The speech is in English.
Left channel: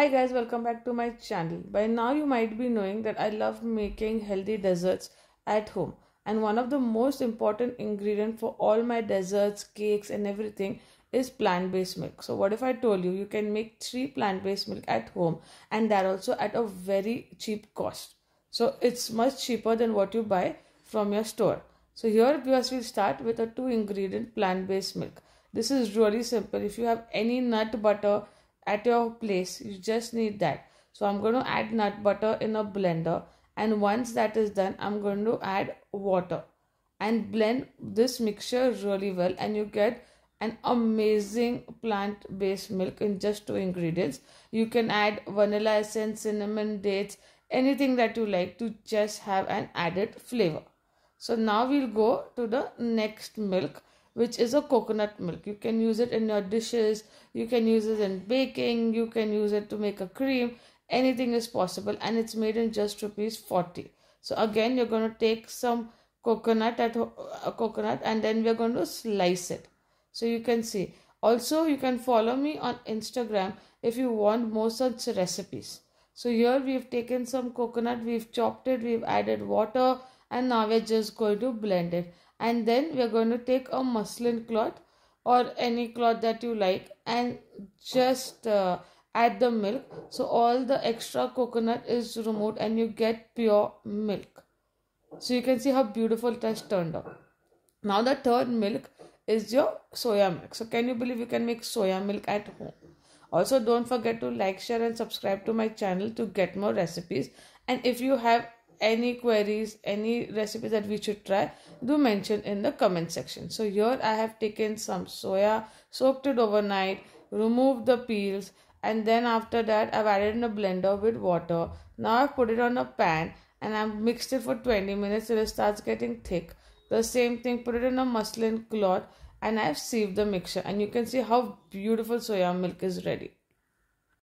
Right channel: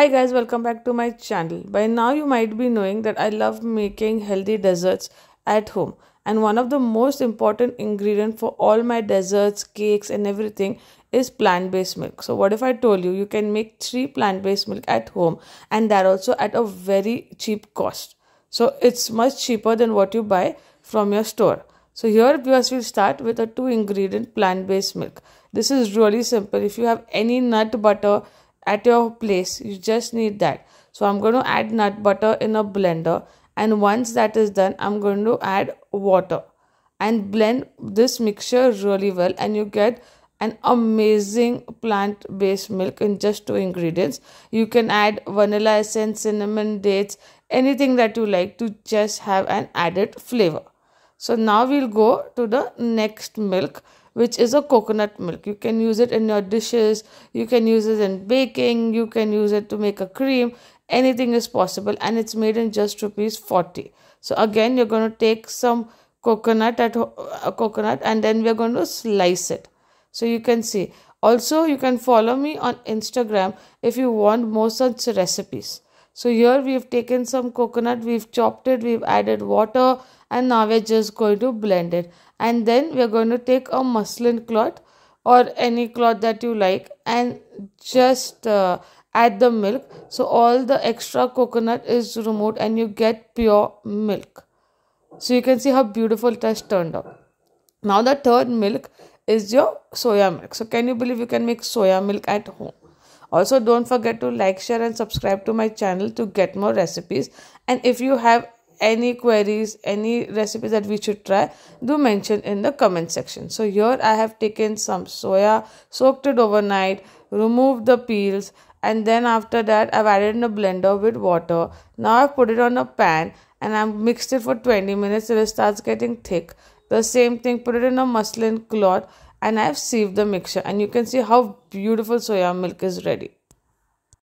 Hi guys, welcome back to my channel. By now you might be knowing that I love making healthy desserts at home, and one of the most important ingredients for all my desserts, cakes and everything is plant-based milk. So what if I told you you can make 3 plant-based milk at home, and that also at a very cheap cost. So it's much cheaper than what you buy from your store. So here viewers, will start with a 2 ingredient plant-based milk. This is really simple. If you have any nut butter at your place, you just need that. So I'm going to add nut butter in a blender, and once that is done, I'm going to add water and blend this mixture really well, and you get an amazing plant-based milk in just 2 ingredients. You can add vanilla essence, cinnamon, dates, anything that you like to just have an added flavor. So now we'll go to the next milk, which is a coconut milk. You can use it in your dishes, you can use it in baking, you can use it to make a cream, anything is possible, and it's made in just ₹40. So again, you're going to take some coconut and then we're going to slice it. So you can see. Also, you can follow me on Instagram if you want more such recipes. So here we've taken some coconut, we've chopped it, we've added water, and now we're just going to blend it. And then we're going to take a muslin cloth or any cloth that you like and just add the milk. So all the extra coconut is removed and you get pure milk. So you can see how beautiful it has turned out. Now the third milk is your soya milk. So can you believe you can make soya milk at home? Also, don't forget to like, share and subscribe to my channel to get more recipes. And if you have any queries, any recipes that we should try, do mention in the comment section. So here I have taken some soya, soaked it overnight, removed the peels, and then after that I've added in a blender with water. Now I've put it on a pan and I've mixed it for 20 minutes till it starts getting thick. The same thing, put it in a muslin cloth and I've sieved the mixture, and you can see how beautiful soya milk is ready.